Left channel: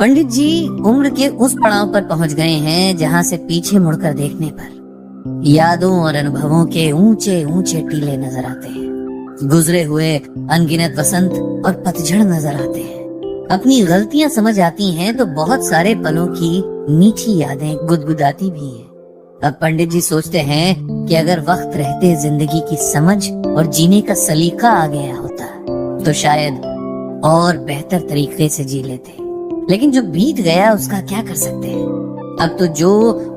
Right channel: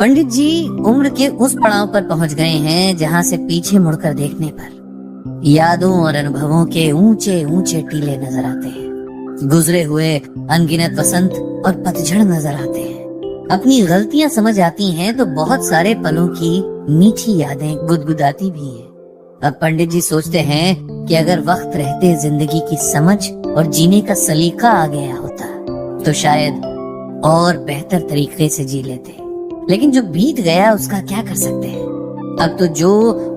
पंडित जी उम्र के उस पड़ाव पर पहुंच गए हैं जहां से पीछे मुड़कर देखने पर यादों और अनुभवों के ऊंचे ऊंचे टीले नजर आते हैं। गुजरे हुए अनगिनत वसंत और पतझड़ नजर आते हैं। अपनी गलतियां समझ आती हैं तो बहुत सारे पलों की मीठी यादें गुदगुदाती भी हैं। अब पंडित जी सोचते हैं कि अगर वक्त रहते जिंदगी की समझ और जीने का सलीका आ गया होता तो शायद और बेहतर तरीके से जी लेते। लेकिन जो बीत गया उसका क्या कर सकते हैं। अब तो जो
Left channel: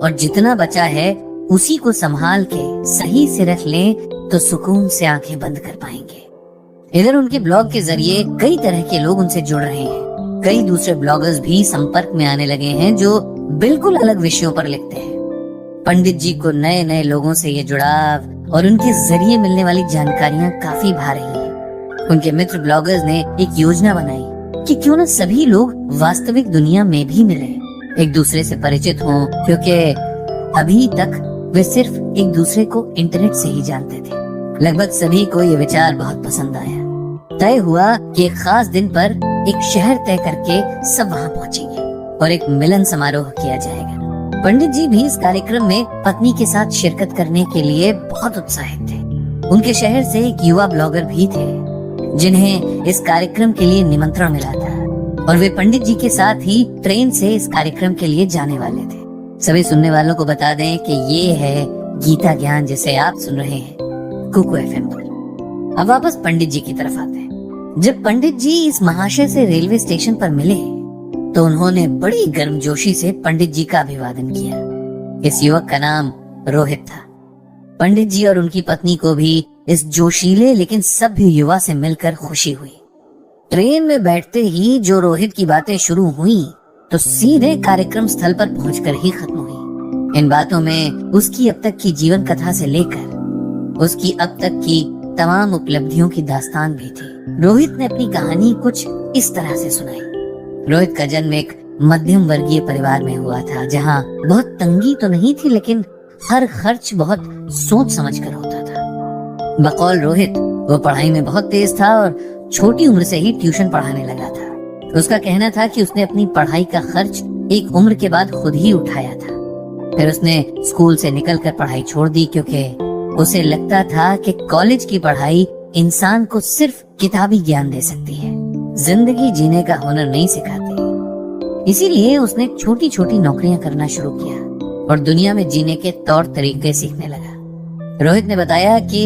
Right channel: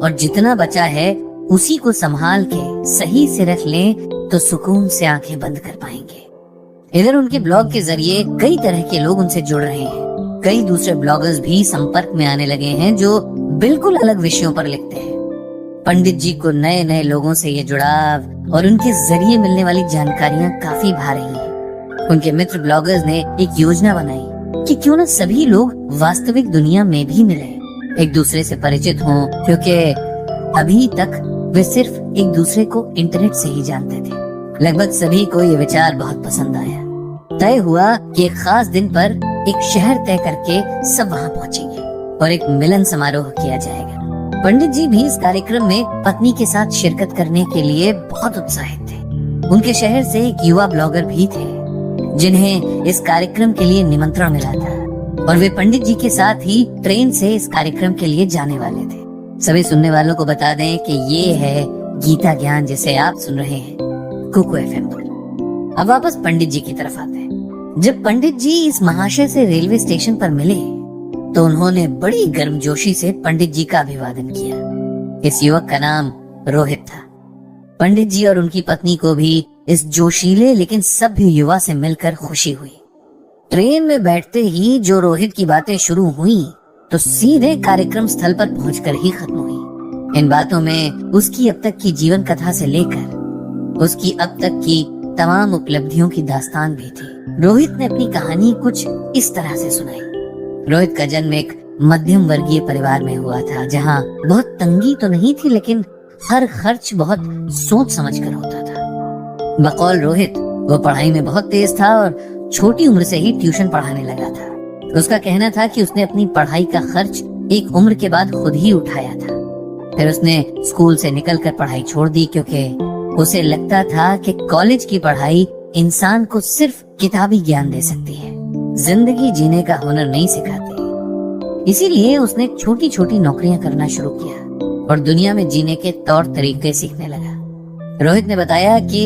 और जितना बचा है उसी को संभाल के सही से रख ले तो सुकून से आंखें बंद कर पाएंगे। इधर उनके ब्लॉग के जरिए कई तरह के लोग उनसे जुड़ रहे हैं। कई दूसरे ब्लॉगर्स भी संपर्क में आने लगे हैं जो बिल्कुल अलग विषयों पर लिखते हैं। पंडित जी को नए नए लोगों से ये जुड़ाव और उनके जरिए मिलने वाली जानकारियां काफी भा रही हैं। उनके मित्र ब्लॉगर्स ने एक योजना बनाई कि क्यों न सभी लोग वास्तविक दुनिया में भी मिले, एक दूसरे से परिचित हो, क्योंकि अभी तक वे सिर्फ एक दूसरे को इंटरनेट से ही जानते थे। लगभग सभी को ये विचार बहुत पसंद आया। तय हुआ कि एक खास दिन पर एक शहर तय करके सब वहाँ पहुँचेंगे और एक मिलन समारोह किया जाएगा। पंडित जी भी इस कार्यक्रम में पत्नी के साथ शिरकत करने के लिए बहुत उत्साहित थे। उनके शहर से एक युवा ब्लॉगर भी थे जिन्हें इस कार्यक्रम के लिए निमंत्रण मिला था और वे पंडित जी के साथ ही ट्रेन से इस कार्यक्रम के लिए जाने वाले थे। सभी सुनने वालों को बता दें कि ये है गीता ज्ञान जिसे आप सुन रहे हैं कुकू एफएम पर। अब वापस पंडित जी की तरफ आते हैं। जब पंडित जी इस महाशय से रेलवे स्टेशन पर मिले तो उन्होंने बड़ी गर्मजोशी से पंडित जी का अभिवादन किया। इस युवक का नाम रोहित था। पंडित जी और उनकी पत्नी को भी इस जोशीले लेकिन सभ्य युवा से मिलकर खुशी हुई। ट्रेन में बैठते ही जो रोहित की बातें शुरू हुई तो सीधे कार्यक्रम स्थल पर पहुंचकर ही खत्म हुई। इन बातों में उसकी अब तक की जीवन कथा से लेकर उसकी अब तक की तमाम उपलब्धियों की दास्तान भी थी। रोहित ने अपनी कहानी कुछ इस तरह से सुनाई। रोहित का जन्म एक मध्यम वर्गीय परिवार में हुआ था जहाँ बहुत तंगी तो नहीं थी लेकिन हर खर्च बहुत सोच समझ कर होता था। बकौल रोहित वो पढ़ाई में बहुत तेज था और छोटी उम्र से ही ट्यूशन पढ़ाने लगा था। उसका कहना था कि उसने अपनी पढ़ाई का खर्च एक उम्र के बाद खुद ही उठाया था। फिर उसने स्कूल से निकलकर पढ़ाई छोड़ दी क्योंकि उसे लगता था कि कॉलेज की पढ़ाई इंसान को सिर्फ किताबी ज्ञान दे सकती है, जिंदगी जीने का हुनर नहीं सिखाती। इसीलिए उसने छोटी छोटी नौकरियां करना शुरू किया और दुनिया में जीने के तौर तरीके सीखने लगा। रोहित ने बताया कि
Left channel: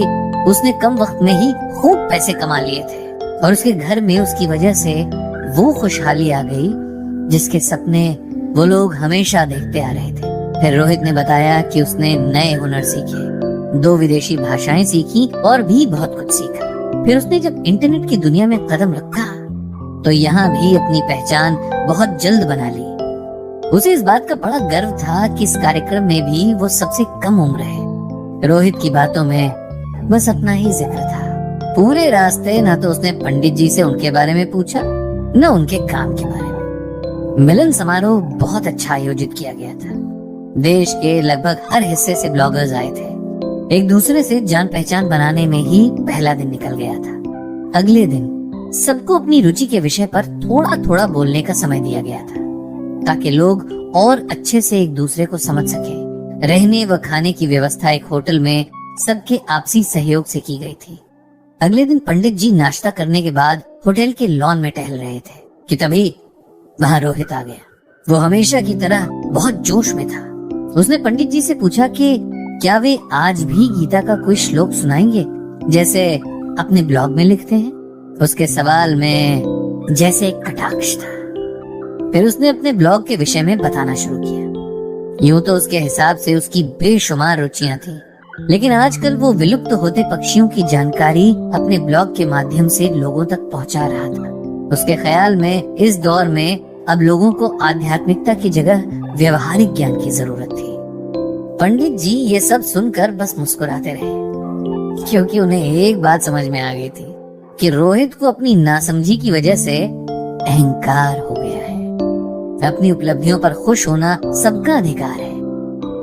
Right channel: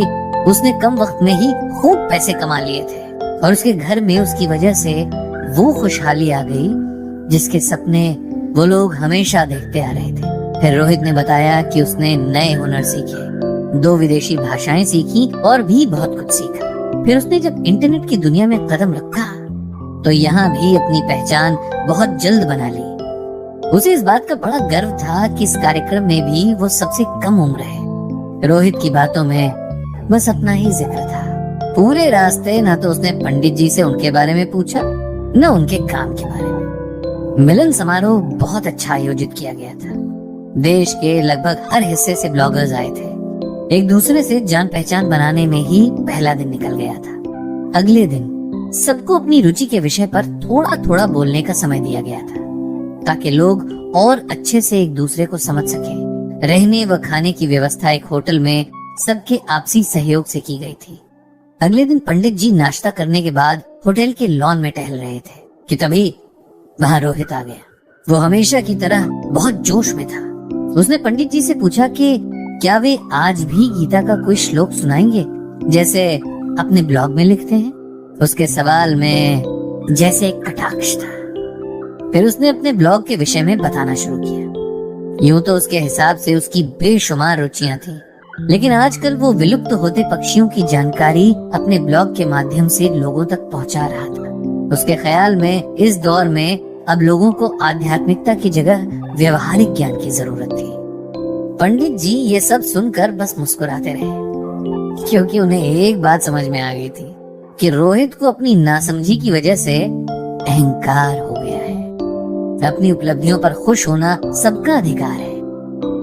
उसने कम वक्त में ही खूब पैसे कमा लिए थे और उसके घर में उसकी वजह से वो खुशहाली आ गई जिसके सपने वो लोग हमेशा देखते आ रहे थे। फिर रोहित ने बताया कि उसने नए हुनर सीखे, 2 विदेशी भाषाएं सीखी और भी बहुत कुछ सीखा। फिर उसने जब इंटरनेट की दुनिया में कदम रखा तो यहाँ भी अपनी पहचान बहुत जल्द बना ली। उसे इस बात का बड़ा गर्व था कि इस कार्यक्रम में भी वो सबसे कम उम्र है। रोहित की बातों में बस अपना ही जिक्र था। पूरे रास्ते ना तो उसने पंडित जी से उनके बारे में पूछा न उनके काम के बारे में। मिलन समारोह बहुत अच्छा आयोजित किया गया था। देश के लगभग हर हिस्से से ब्लॉगर्स आए थे। एक दूसरे से जान पहचान बनाने में ही पहला दिन निकल गया था। अगले दिन सबको अपनी रुचि के विषय पर थोड़ा थोड़ा बोलने का समय दिया गया था ताकि लोग और अच्छे से एक दूसरे को समझ सके। रहने व खाने की व्यवस्था एक होटल में सबके आपसी सहयोग से की गई थी। अगले दिन पंडित जी नाश्ता करने के बाद होटल के लॉन में टहल रहे थे कि तभी वहाँ रोहित आ गया। वो हमेशा की तरह बहुत जोश में था। उसने पंडित जी से पूछा कि क्या वे आज भी गीता का कोई श्लोक सुनाएंगे जैसे अपने ब्लॉग में लिखते हैं। उसके सवाल में जैसे कटाक्ष था। फिर उसने अपने ब्लॉग के विषय में बताना शुरू किया। यूं तो उसके हिसाब से उसकी बेशुमार रुचियां थी, लेकिन आजकल वो विलुप्त होते पक्षियों की जानकारी अपने ब्लॉग के माध्यम से लोगों तक पहुंचा रहा था। उसके ख्याल में इस दौर में अब लोगों को आध्यात्मिकता की जगह व्यवहारिक ज्ञान की जरूरत थी। पंडित जी ये सब सुनकर बस मुस्कुराते रहे क्योंकि उन्हें एक बात समझ में आ गई थी कि रोहित को अपनी नासमझी की वजह से अहंकार हो गया है। अपनी उपलब्धियों पर खुश होना सबका अधिकार है,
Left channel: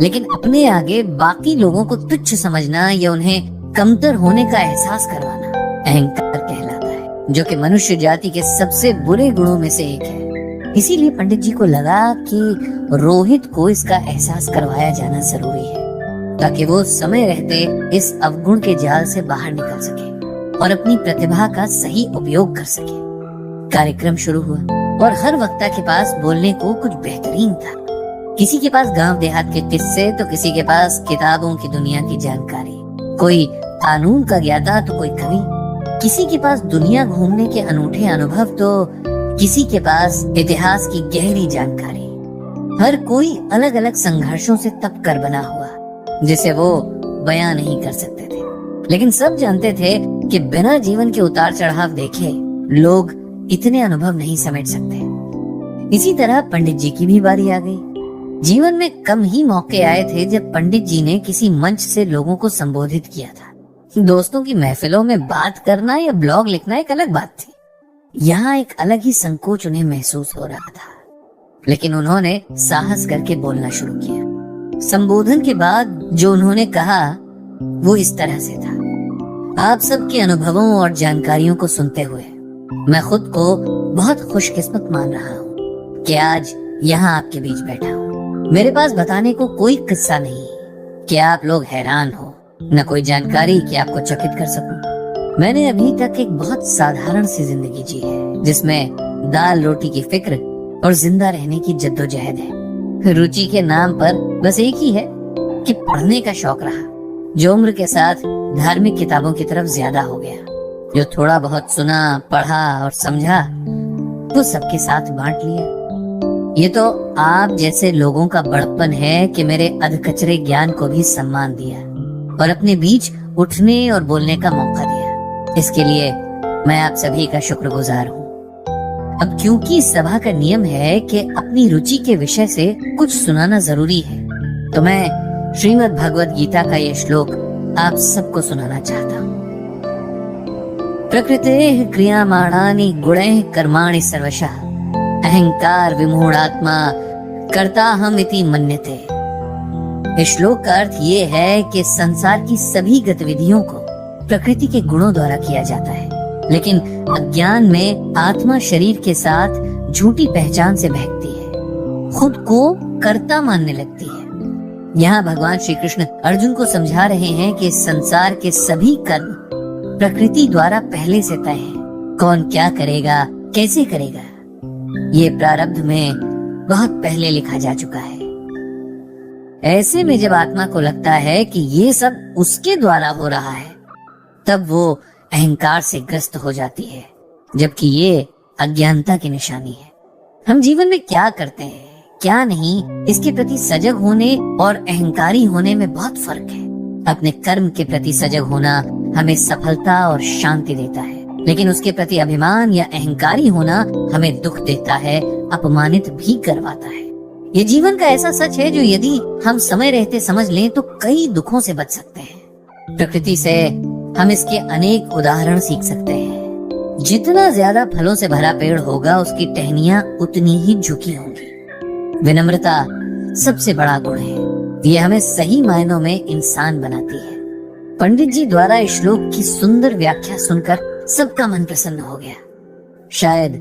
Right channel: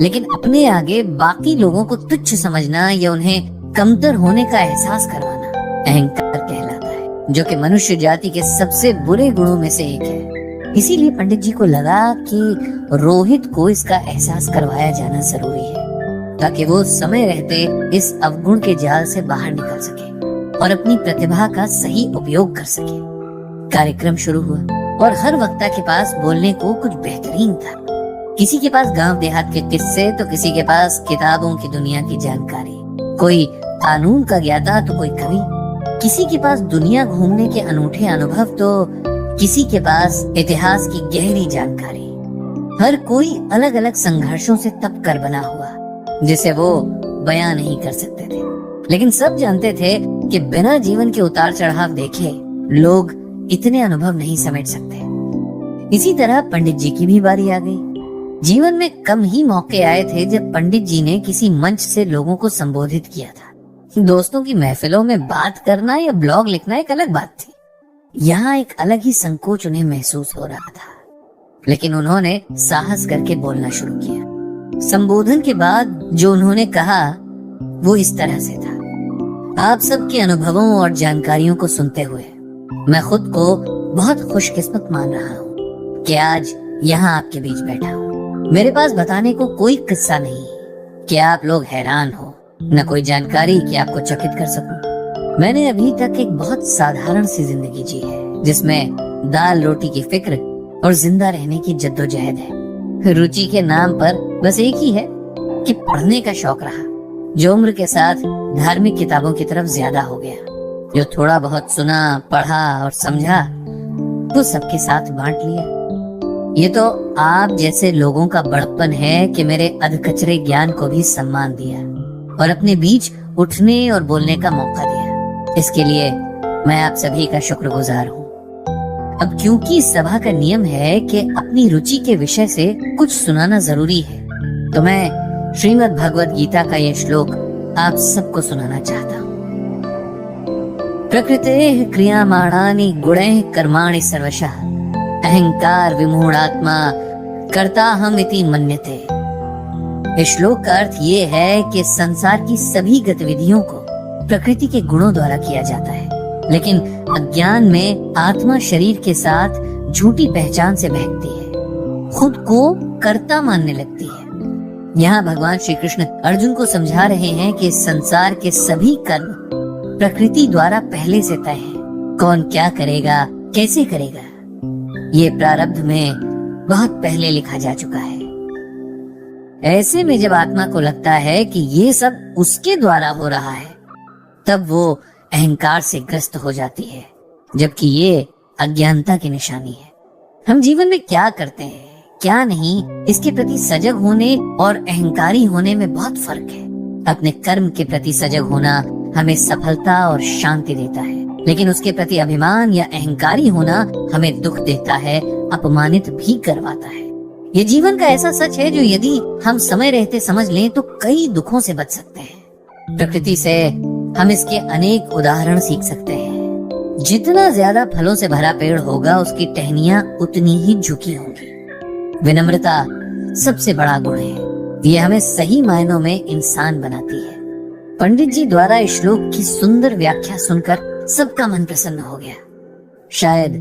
लेकिन अपने आगे बाकी लोगों को तुच्छ समझना या उन्हें कमतर होने का एहसास करवाना अहंकार कहलाता है, जो कि मनुष्य जाति के सबसे बुरे गुणों में से एक है। इसीलिए पंडित जी को लगा कि रोहित को इसका एहसास करवाया जाना जरूरी है, ताकि वो समय रहते इस अवगुण के जाल से बाहर निकल सके और अपनी प्रतिभा का सही उपयोग कर सके। कार्यक्रम शुरू हुआ और हर वक्ता के पास बोलने को कुछ बेहतरीन था। किसी के पास गांव देहात के किस्से तो किसी के पास किताबों की दुनिया की जानकारी, कोई कानून का ज्ञाता तो कोई कवि, किसी के पास दुनिया घूमने के अनूठे अनुभव तो किसी के पास इतिहास की गहरी जानकारी। हर कोई अलग अलग संघर्षों से तप कर बना हुआ, जिसे वो बयां नहीं कर सकते थे, लेकिन सब जानते थे कि बिना जीवन के उतार चढ़ाव देखे लोग इतने अनुभव नहीं समेट सकते। इसी तरह पंडित जी की भी बारी आ गई। जीवन में कम ही मौके आए थे जब पंडित जी ने किसी मंच से लोगों को संबोधित किया था। दोस्तों की महफिलों में बात करना या ब्लॉग लिखना एक अलग बात थी। यहाँ एक अलग ही संकोच उन्हें महसूस हो रहा था, लेकिन उन्होंने साहस करके बोलना शुरू किया। संबोधन के बाद जो उन्होंने कहा वो इस तरह से था। आप सबके अनुभवों और जानकारियों को सुनते हुए मैं खुद को बहुत खुशकिस्मत मान रहा हूँ कि आज यहाँ आपके बीच बैठा हूँ। मेरे पास बताने को कोई किस्सा नहीं है कि आप लोग हैरान हो, न कोई जानकारी कि आपको चकित कर सकूं। मैंने अभी तक एक बहुत साधारण सी जिंदगी जी है, जिसमें दाल रोटी की फिक्र और जिंदा रहने की जद्दोजहद है। रुचि के नाम पर बस एक ही है कि पढ़ने का शौक रहा, जो उम्र के साथ धार्मिक किताबों की तरफ ज्यादा हो गया। जो थोड़ा बहुत सुना, पढ़ा और समझा वो सबके साथ बांट लिया। ये तो आप जैसे लोगों का बड़प्पन है कि मेरे अधकचरे ज्ञान को भी सम्मान दिया और अपने बीच उठने और बोलने का मौका दिया। इसके लिए मैं आप सभी का शुक्रगुजार हूँ। अब क्योंकि सभा का नियम है कि अपनी रुचि के विषय से कुछ सुनाना जरूरी है, तो मैं श्रीमद् भगवद गीता का ये श्लोक आप सबको सुनाना चाहता हूँ। प्रकृतेः क्रियमाणानि गुणैः कर्माणि सर्वशः अहंकार विमूढ़ात्मा कर्ताहम् इति मन्यते। इस श्लोक का अर्थ ये है कि संसार की सभी गतिविधियों को प्रकृति के गुणों द्वारा किया जाता है, लेकिन अज्ञान में आत्मा शरीर के साथ झूठी पहचान से बहकती है, खुद को कर्ता मानने लगती है। यहाँ भगवान श्री कृष्ण अर्जुन को समझा रहे हैं कि संसार के सभी कर्म प्रकृति द्वारा पहले से तय है। कौन क्या करेगा, कैसे करेगा, ये प्रारब्ध में बहुत पहले लिखा जा चुका है। ऐसे में जब आत्मा को लगता है कि ये सब उसके द्वारा हो रहा है, तब वो अहंकार से ग्रस्त हो जाती है, जबकि ये अज्ञानता की निशानी है। हम जीवन में क्या करते हैं, क्या नहीं, इसके प्रति सजग होने और अहंकारी होने में बहुत फर्क है। अपने कर्म के प्रति सजग होना हमें सफलता और शांति देता है, लेकिन उसके प्रति अभिमान या अहंकारी होना हमें दुख देता है, अपमानित भी करवाता है। ये जीवन का ऐसा सच है जो यदि हम समय रहते समझ लें तो कई दुखों से बच सकते हैं। प्रकृति से हम इसके अनेक उदाहरण सीख सकते हैं। जितना ज्यादा फलों से भरा पेड़ होगा, उसकी टहनियाँ उतनी ही झुकी होगी। विनम्रता सबसे बड़ा गुण है, ये हमें सही मायनों में इंसान बनाती है। पंडित जी द्वारा इस श्लोक की सुंदर व्याख्या सुनकर सबका मन प्रसन्न हो गया। शायद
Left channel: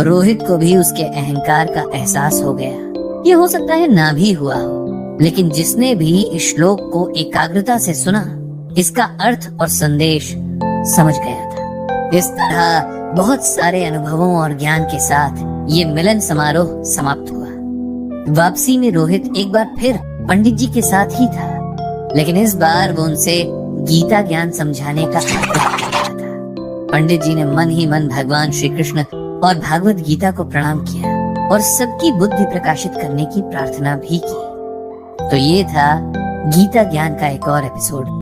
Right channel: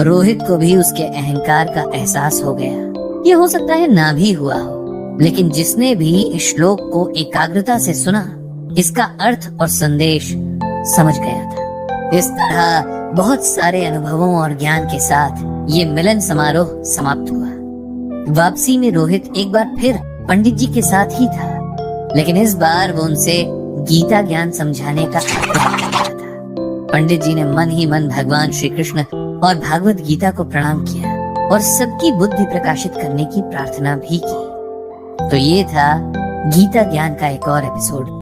रोहित को भी उसके अहंकार का एहसास हो गया। ये हो सकता है ना भी हुआ हो, लेकिन जिसने भी इस श्लोक को एकाग्रता से सुना, इसका अर्थ और संदेश समझ गया था। इस तरह बहुत सारे अनुभवों और ज्ञान के साथ ये मिलन समारोह समाप्त हुआ। वापसी में रोहित एक बार फिर पंडित जी के साथ ही था, लेकिन इस बार वो उनसे गीता ज्ञान समझाने का आग्रह कर रहा था। पंडित जी ने मन ही मन भगवान श्री कृष्ण और भागवत गीता को प्रणाम किया और सबकी बुद्धि प्रकाशित करने की प्रार्थना भी की। तो ये था गीता ज्ञान का एक और एपिसोड।